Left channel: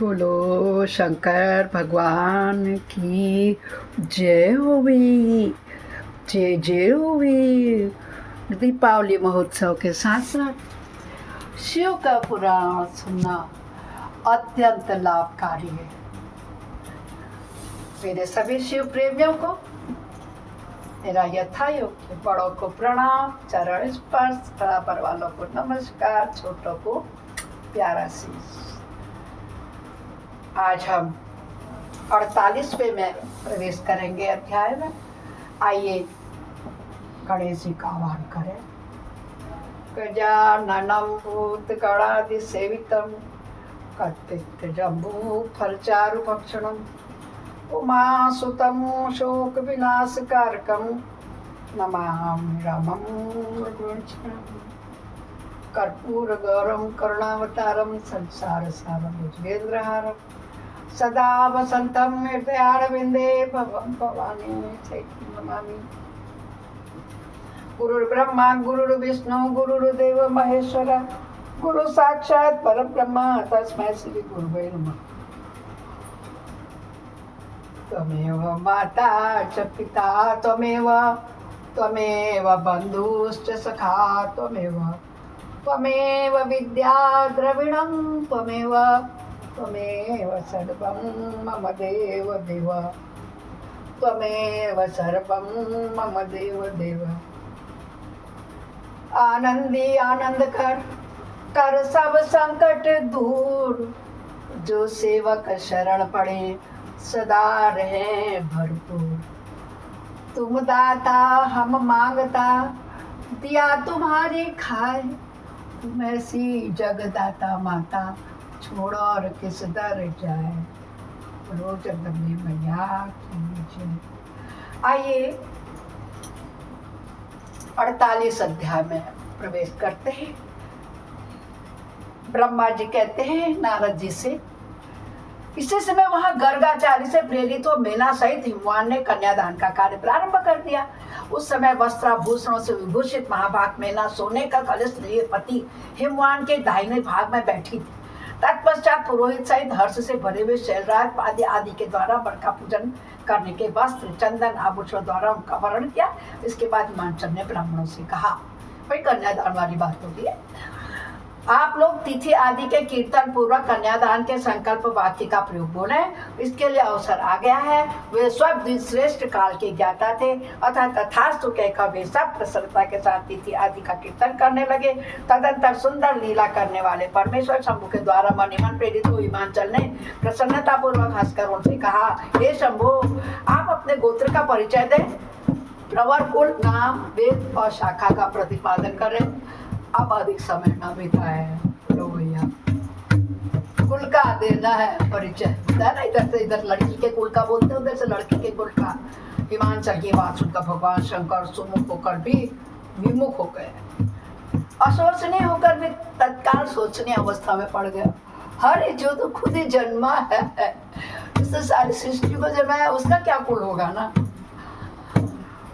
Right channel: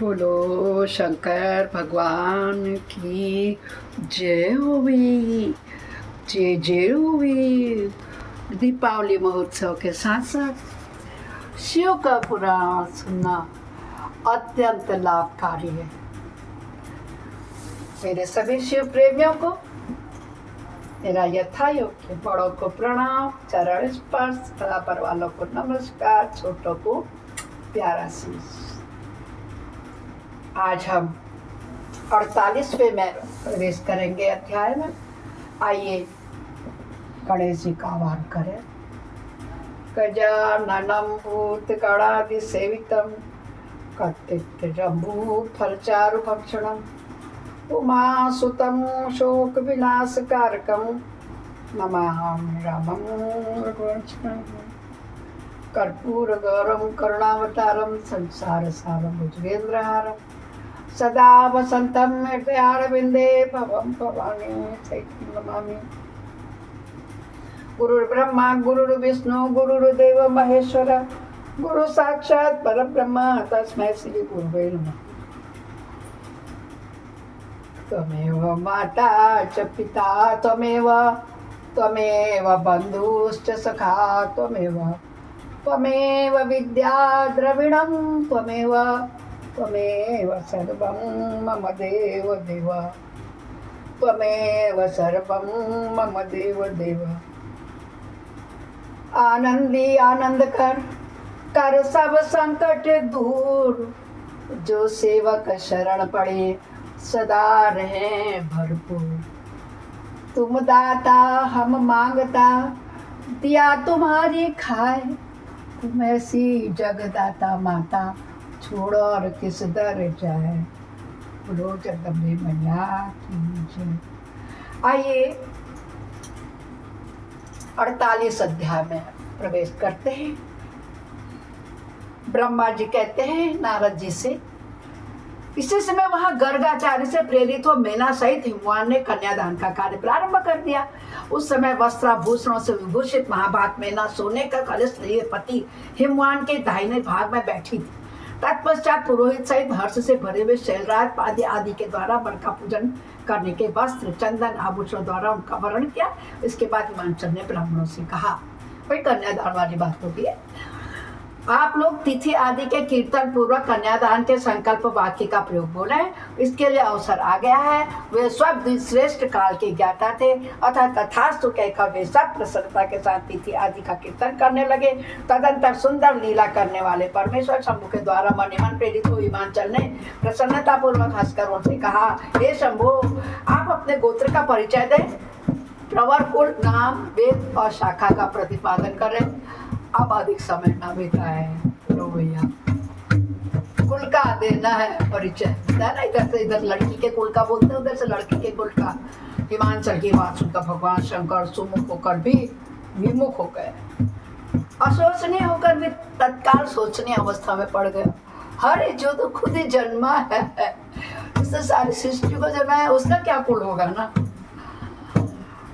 बोलो शंकर भगवान की जय होवी। जय जय होवी। दीपावली महोत्सव के साथ साथ शिव का पुराण सुनना अत्यंत लाभकारी है। मेरे सभी शिव प्रेमियों को मेरा यथायोग्य बड़ों को प्रणाम, चरण स्पर्श, बराबर वालों को नमस्कार, छोटों को प्यारा शीश। आज हम 48वें में प्रवेश करेंगे अध्याय में। आइए गणेश जी का आह्वान करें। गजाननं भूतगणाधिसेवितं कत्तिजम्बू फलचारुभक्षणम् उमासुतं शोकविनाशकारकं नमामि रामं रघुवंशं कर्पूरगौरं करुणावतारं संसारसारं भुजगेन्द्रहारं सदा वसन्तं हृदयारविन्दे भवं भवानी सहितं नमामि। गुरुर्ब्रह्मा गुरुर्विष्णु गुरुर्देव महेश्वर गुरु साक्षात् परब्रह्म तस्मै श्री गुरुवे नमः। त्वमेव माता च पिता त्वमेव बन्धुश्च सखा त्वमेव विद्या द्रविणं त्वमेव सर्वं मम देव त्वमेव सर्वं मम देव। आनंदी आनंद कर सब संकट दूर, जो सेवक शरण पड़े सदा रहे भरपूर। तुम दाता हम मांगता, दिया तुम्हारी खाए, तुम ऐसी जगदाता माता, छोड़ और किस दर जाए। बोलो जगदम्बे मैया की जय। आइए 48 अध्याय में प्रवेश करते हैं। ब्रह्मा जी कहते हैं नारद जी से, इसी समय वहां गर्गाचार्य से प्रेरित हो मेना सहित हिमवान ने कन्यादान का कार्य प्रारंभ कर दिया। उस समय वस्त्राभूषणों से विभूषित महाभाग मेना सोने का कलश लिए पति हिमवान के दाहिने भाग में बैठी थी। तत्पश्चात पुरोहित सहित हर्ष से भरे हुए शैलराज पाद्य आदि के द्वारा वर का पूजन करने के वस्त्र चंदन आभूषण द्वारा उनका वरण किया। इसके बाद हिमांचल ने ब्राह्मणों से कहा, भाई कन्यादान वाली बात होती है, आप लोग तिथि आदि के कीर्तन पूर्वक कन्यादान के संकल्प वाक्य का प्रयोग बोले। इसके लिए अवसर आ गया है। वे सब श्रेष्ठ काल के ज्ञाता थे, अतः तथास्तु कहकर वे सब प्रसन्नता के साथ तिथि आदि का कीर्तन करने लगे। तदंतर सुंदर लीला करने वाले परमेश्वर शंभु के द्वारा मनिमन प्रेरित हुए हिमांचल ने प्रसन्नता पूर्वक हंसकर उनसे कहा, हे शंभु, आप अपने गोत्र का परिचय दें, प्रवर कुल नाम वेद और शाखा का प्रतिपादन करें। अब अधिक समय ना बिताए लो भैया, कुल का देना है परिचय, ना इधर से इधर लड़की के कुल का बोलते हैं, उधर से लड़की के कुल का। हिमांचल की बात सुनकर भगवान शंकर सुमुख होकर भी विमुख हो गए। अशोचनीय होकर भी तत्काल सोचनीय अवस्था में पड़ गए। हर जो तो खुद ही जन्मा है, इससे सारी सृष्टि को जब है, उसका क्या कुल होगा ना।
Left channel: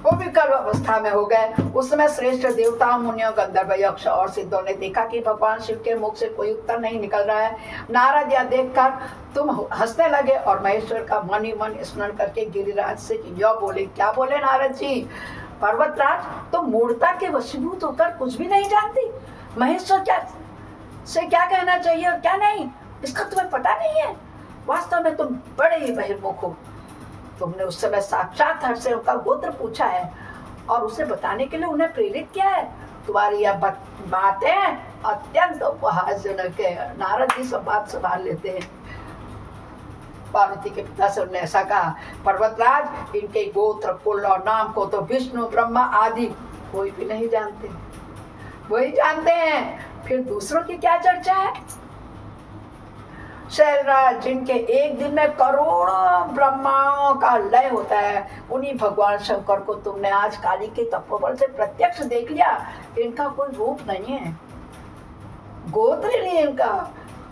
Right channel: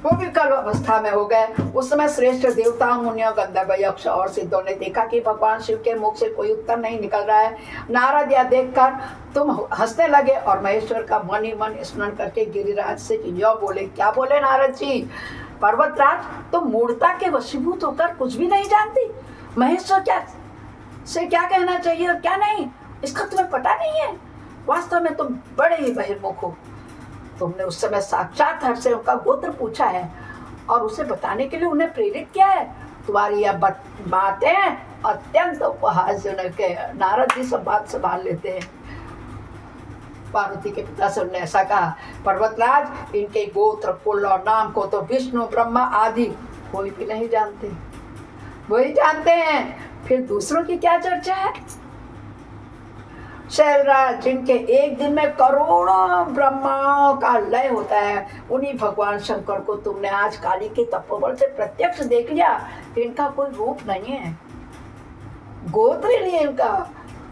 वो भी कल अवस्था में हो गए। उस समय श्रेष्ठ देवता मुनियों गंधर्व यक्ष और सिद्धों ने देखा कि भगवान शिव के मुख से कोई उत्तर नहीं निकल रहा है। नारद यह देखकर तुम हंसने लगे और महेश्वर का मन ही मन स्मरण करके गिरिराज से यह बोले। क्या बोले नारद जी? पर्वतराज, तुम मूर्ता के वशीभूत होकर कुछ भी नहीं जानती। महेश्वर क्या कहना चाहिए और क्या नहीं, इसका तुम्हें पता नहीं है। वास्तव में तुम बड़े ही बहिर्मुख हो। तुमने उस समय साक्षात हर से उनका गोत्र पूछा है और उसे बताने के लिए उन्हें प्रेरित किया है। तुम्हारी यह बातें अत्यंत उपहासजनक है। नारद जी सब बात संभाल लेते हैं। पार्वती के पिता से उन्होंने ऐसा कहा, पर्वतराज, इनके गोत्र कुल और नाम को तो विष्णु ब्रह्मा आदि कोई भी नहीं जानते, वही जानते हैं, फिर दूसरों की क्या चर्चा है। शैलराज, जिनके एक दिन में करोड़ों ब्रह्माओं का लय होता है, उन्हीं भगवान शंकर को तुमने आज काली के तपोबल से प्रत्यक्ष देख लिया। इनका कोई रूप नहीं है, गोत्र ही नहीं इनका,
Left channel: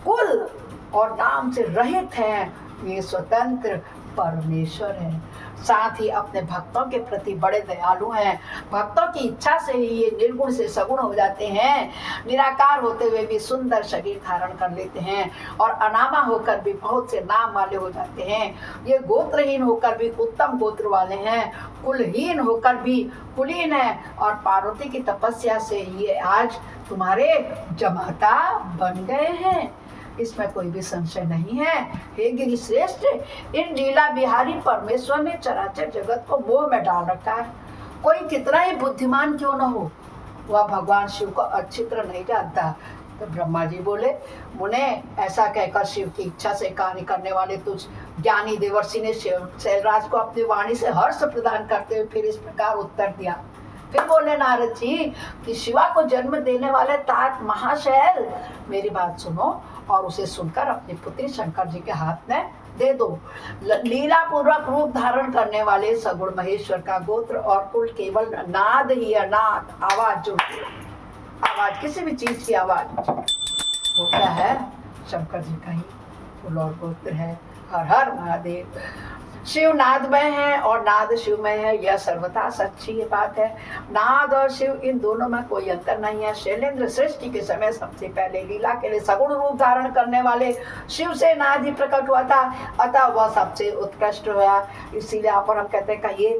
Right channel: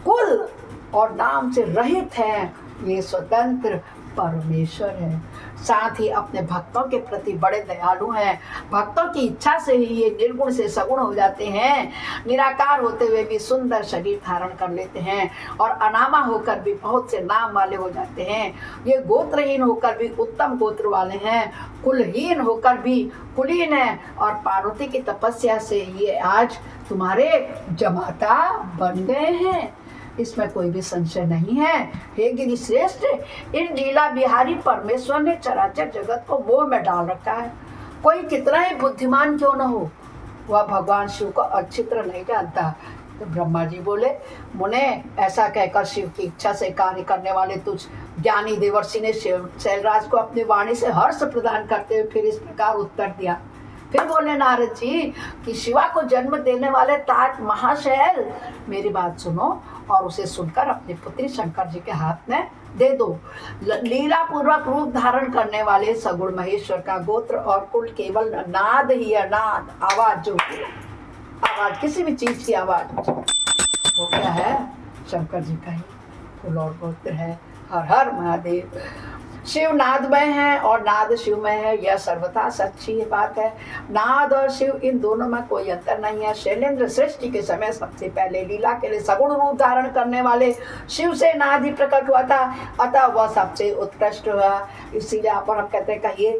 कुल और नाम से रहित है। ये स्वतंत्र परमेश्वर है। साथ ही अपने भक्तों के प्रति बड़े दयालु हैं। भक्तों की इच्छा से ही ये निर्गुण से सगुण हो जाते हैं। निराकार होते हुए भी सुंदर शरीर धारण कर लेते हैं और अनामा होकर भी बहुत से नाम वाले हो जाते हैं। ये गोत्रहीन होकर भी उत्तम गोत्र वाले हैं, कुलहीन होकर भी कुलीन है और पार्वती की तपस्या से ये आज तुम्हारे जमाता बन गए हैं। इसमें कोई भी संशय नहीं है। हे गिरि श्रेष्ठ, इन लीला बिहारी परमेश्वर ने चराचर जगत को मोह में डाल रखा है। कोई कितना ही बुद्धिमान क्यों न हो, वह भगवान शिव को अच्छी तरह नहीं जानता। तो ब्रह्मा जी बोले, मुने ऐसा कहकर शिव की इच्छा से कार्य करने वाले तुझ ज्ञानी देवर्षि ने शैलराज को अपनी वाणी से हर्ष प्रदान करते हुए फिर इस प्रकार उत्तर दिया। फिर बोले नारद जी कि शिवा को जन्म देने वाले तात महाशैल, मेरी बात सुनो और उसे सुनकर अपनी पुत्री शंकर जी के हाथ में दे दो। लीला पूर्वक रूप धारण करने वाले सगुण महेश्वर का गोत्र और कुल केवल नाद ही है। नाद आवाज, जो आवाज किसी भी चीज की आवाज, वो क्या है? शंकर जी का ही कुल और गोत्र है। हर हर महादेव। शिव नादमय है और नाद शिवमय है, यह सर्वथा सच्ची बात है। नाद और शिव इन दोनों में कोई अंतर नहीं है। शैलेंद्र सृष्टि के समय सबसे पहले लीला के लिए सगुण रूप धारण करने वाले शिव से नाद ही प्रकट हुआ था, अतः वह सबसे उत्कृष्ट हुआ। इसीलिए आप और हम कहते हैं कहिए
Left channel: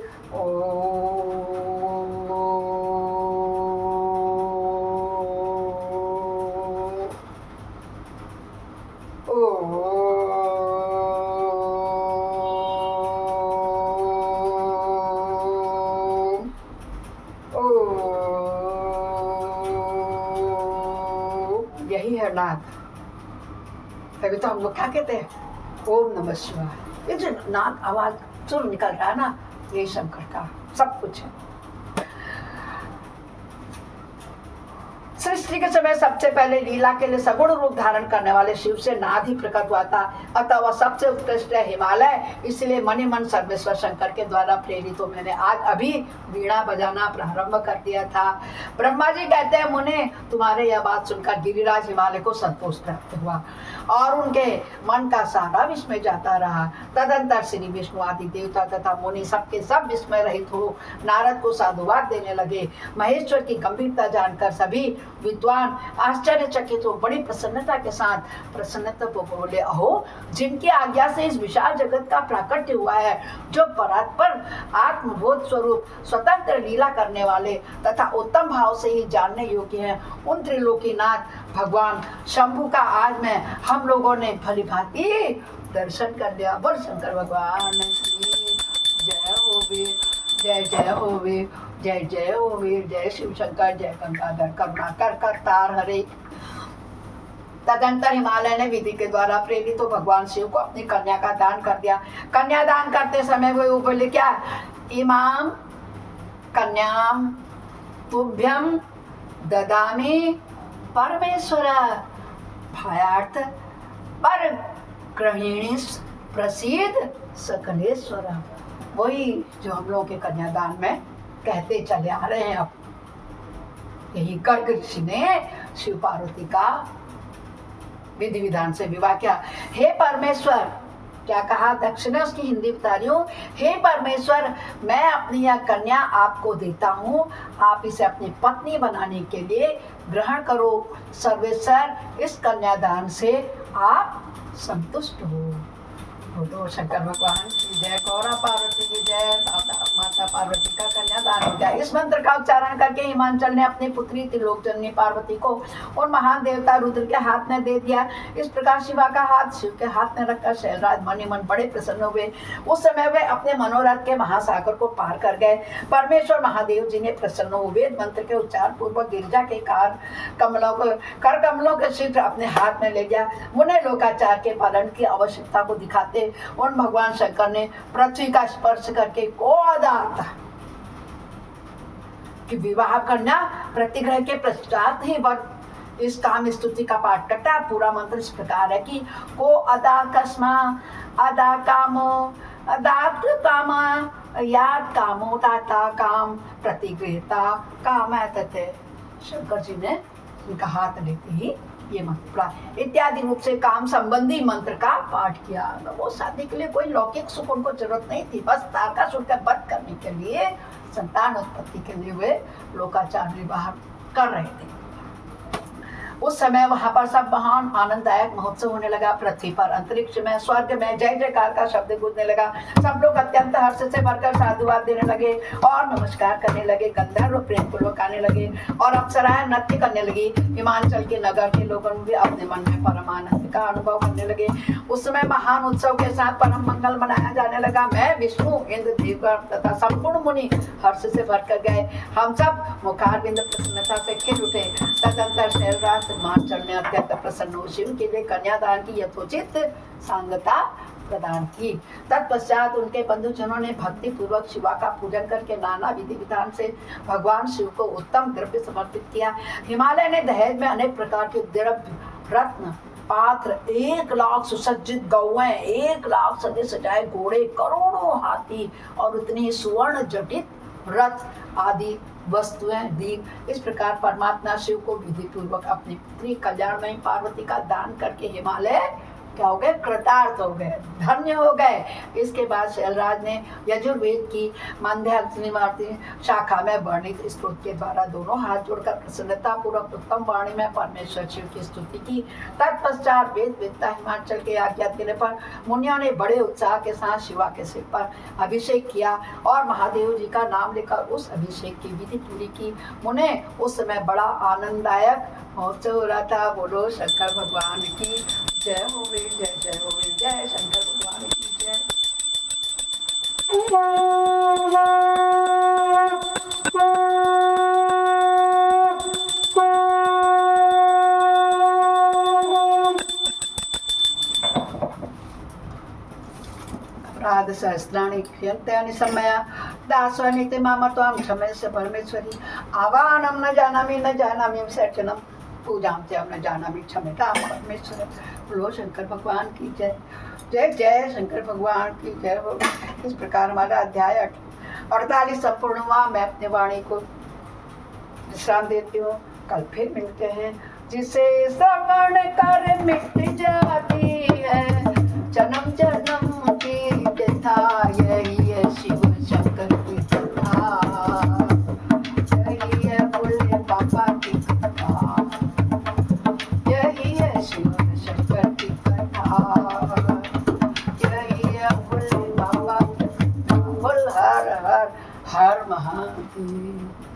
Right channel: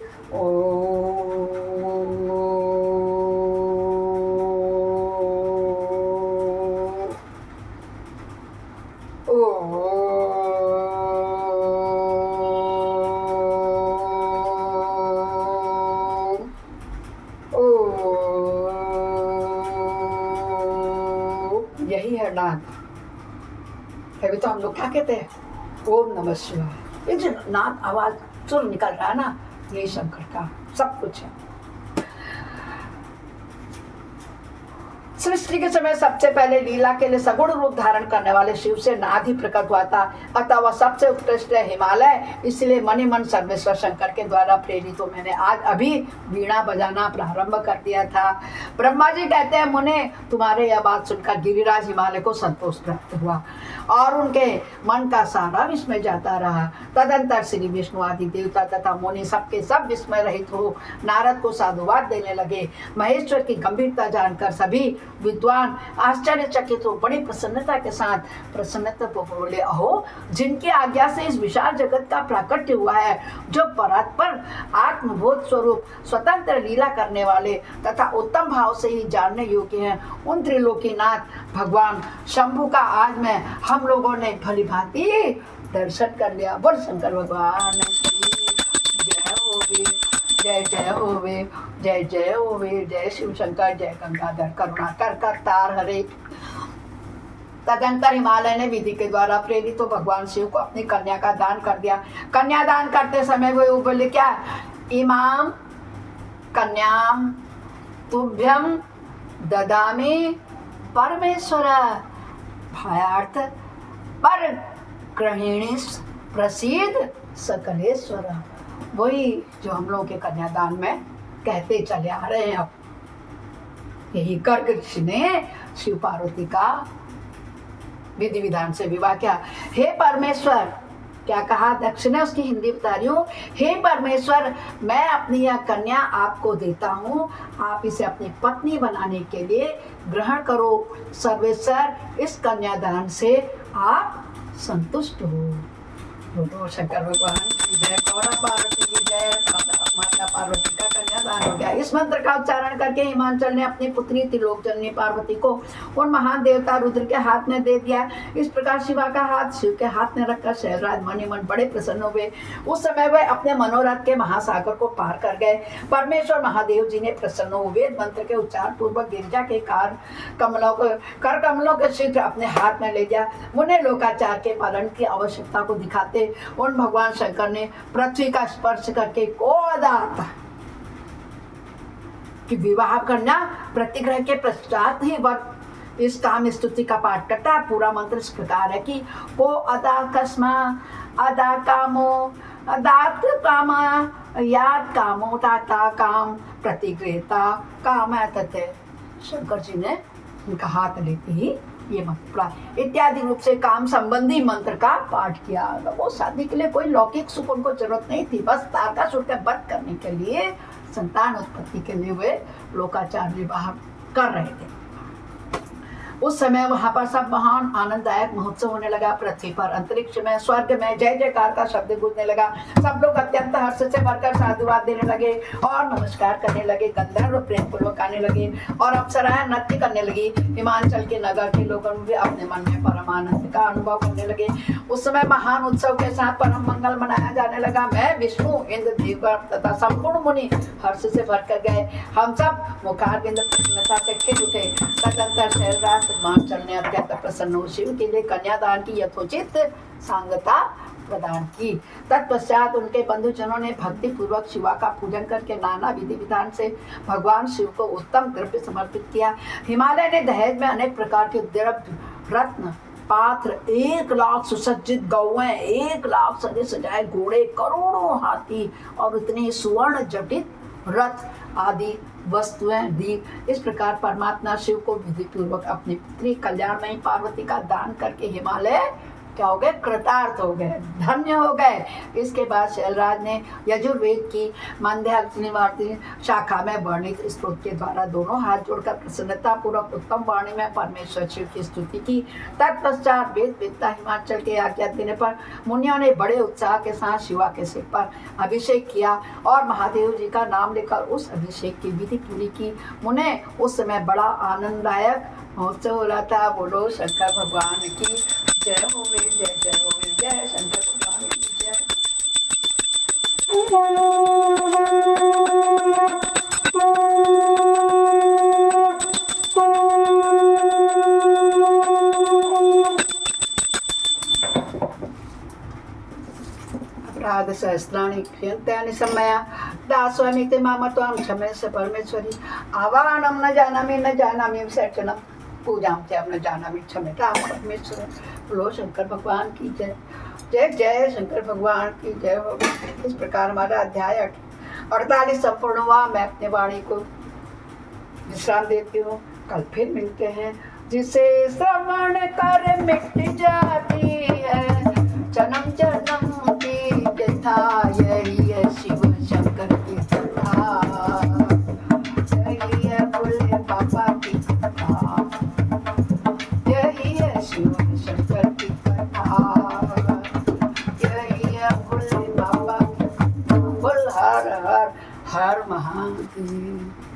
यही है नाद। अभी तो हम लोग क्या कहते हैं? ओम नमः शिवाय। ये जो नाद आवाज सुर निकल रहा है ना, यही शंकर का सब कुछ है। सृष्टि के समय सबसे पहले लीला के लिए सगुण रूप धारण करने वाले शिव से नाद ही प्रकट हुआ था, अतः वह सबसे उत्कृष्ट है हिमालय। इसलिए मन ही मन सर्वेश्वर शंकर के द्वारा प्रेरित हो मैंने आज अभी वीणा बजाना प्रारंभ कर दिया था। ब्रह्मा जी कहते हैं, मुने तुम्हारे यह बात सुनकर गिरिराज हिमालय को संतोष प्राप्त हुआ और उनके मन का सारा विस्मय जाता रहा। तदंतर श्री विष्णु आदि देवता तथा मुनि सबके सब विस्मय रहित हो नारद को साधुवाद देने लगे। महेश्वर की गंभीरता जानकर सभी विद्वान आश्चर्यचकित हो बड़ी प्रसन्नता के साथ प्रसन्नता को बोले, अहो जिनकी आज्ञा से इस विशाल जगत का प्राकट्य हुआ है, जो परात्पर आत्मबोध स्वरूप स्वतंत्र लीला करने वाले तथा उत्तम भाव से ही जानने योग्य हैं, उन त्रिलोकीनाथ भगवान शंभु का आज में हम लोगों ने भली भांति दर्शन कर लिया। बोल शंकर भगवान जय होवे, जय जय होवे, जय जय होवे, जय शिव शंकर, जय गंगाधर करुणाकर करतार हरे। तदंतर हिमालय ने विधि के द्वारा प्रेरित हो भगवान शिव को अपनी कन्या का दान कर दिया। कन्या दान करते समय वो बोले क्या? इमाम कन्याम तुभ्यम ददामी परमेश्वर भायार्थ पर गृहिणी प्रसिद्ध सकलेश्वर। वही जो हम लोगों के कन्यादान में कहते चले आ रहे हैं। अब यही गर्ग ऋषि ने शिव पार्वती का विधि विधान से विवाह किया। हे परमेश्वर, क्या कहा दक्षिणा उसकी हिंदी बता रही हूँ। हे परमेश्वर, मैं अपनी यह कन्या आपको देता हूँ, आप इसे अपनी पत्नी बनाने के लिए ग्रहण करो। सर्वेश्वर, इस कन्यादान से आप संतुष्ट हो। बोलो शंकर भगवान की जय, गौरा पार्वती की जय। माता पार्वती का कन्यादान हो गया। इस मंत्र का उच्चारण करके हिमांचल ने अपनी पुत्री त्रिलोकजननी पार्वती को उन महान देवता रुद्र के हाथ में दे दिया। इस प्रकार शिवा का हाथ शिव के हाथ में रखकर शैलराज मन ही मन बड़े प्रसन्न हुए। उस समय वे अपने मनोरथ के महासागर को पार कर गए। परमेश्वर महादेव जी ने प्रसन्न हुए मंत्र के उच्चार पूर्वक गिरिजा के कर कमलों के शीघ्र अपने हाथ में ले गया। मुने लोकाचार के पालन की आवश्यकता को दिखाते उन भगवान शंकर ने पृथ्वी का स्पर्श करके कि विवाह करना प्रतिग्रह के पश्चात ही वक्त इस काम स्तुति का पाठ करता है। पूरा मंत्र इस प्रकार है कि को अदा कस्मा अदा कामो अदात कामा याद कामो ताता काम प्रतिग्रहता काम। शंकर जी ने उनका हाथ लेते ही ये मंत्र इत्यादि रूप से काम संबंधी मंत्र का पाठ किया। वो शादी के लिए कोई लौकिक सुख उनको जरूरत नहीं थी, बस तारकासुर का वध करने के लिए, संतान उत्पत्ति के लिए वे लोकाचार विवाह कर रहे थे। उस समय वहां पर सब महान आनंददायक महोत्सव होने लगा। पृथ्वी पर, अंतरिक्ष में, स्वर्ग में जय जयकार का शब्द गूंजने लगा। सब लोग अत्यंत हर्ष से भरकर साधुवाद देने लगे और नमस्कार करने लगे। गंधर्व प्रेम पूर्वक आने लगे और अप्सराएं नृत्य करने लगी। हिमाचल के नगर के लोगों भी अपने मन में परम आनंद का अनुभव करने लगे। उस समय महान उत्सव के साथ परम मंगल मनाया जाने लगा। मैं, विष्णु, इंद्र, देवगण तथा संपूर्ण मुनि हर्ष से भरकर गए। हम सब मुखारविंद प्रसन्नता से खिल उठे। तदंतर शैलराज हिमाचल ने अत्यंत प्रसन्न हो शिव के लिए कन्यादान की यथोचित सांगता प्रदान की। तत्पश्चात उनके बंधुजनों ने भक्ति पूर्वक शिवा का पूजन करके नाना विधि विधान से भगवान शिव को उत्तम द्रव्य समर्पित किया। हिमालय ने दहेज में अनेक प्रकार के द्रव्य, रत्न, पात्र, 1,00,000 सुसज्जित गौएं, 1,00,000 सजे सजाए घोड़े, करोड़ों हाथी और उतने सुवर्ण जटित रथ आदि वस्तुएं दी। इस प्रकार परमात्मा शिव को विधि पूर्वक अपनी पुत्री कल्याणमयी पार्वती का दान करके हिमालय क्या हो गए, कृतार्थ हो गए, धन्य हो गए। इसके बाद शैलराज ने यजुर्वेद की मांद्यार्थिनी शाखा में वर्णित स्तोत्र के द्वारा दोनों हाथ जोड़कर प्रसन्नता पूर्वक उत्तम वाणी में परमेश्वर शिव की स्तुति की। तत्पश्चात वेद वेदता हिमाचल के आज्ञा देने पर मुनियों ने बड़े उत्साह के साथ शिवा के सिर पर अभिषेक किया और महादेव जी का नाम लेकर उस अभिषेक की विधि पूरी की। मुने उस समय बड़ा आनंददायक महोत्सव हो रहा था। बोलो शंकर भगवान की जय होवे, जय जय होवे, जय शंकर भगवान की जय। अपराध सहस्राणि क्षयन्त्यानि सम्मया दास्वानिते मामत्वां क्षमस्व परमेश्वरी। आवाहनं न जानामि विसर्जनं पूजां च न जानामि क्षम्यतां परमेश्वर। बोलो शंकर भगवान की जय। जय जय शंकर भगवान की जय हो। इस प्रकार हमारा अध्याय 48 संपूर्ण हुआ। मैं अपने वाणी को विश्राम देती हूँ। कल फिर मिलते हैं। जिसे श्रवण कर मिट जाती है जन्म जन्म की कथा, यही है शिव शंकर की कथा, यही है भोले बाबा की कथा, यही है शिव शंकर की कथा, यही है भोले बाबा की कथा। बोल हर हर हर महादेव।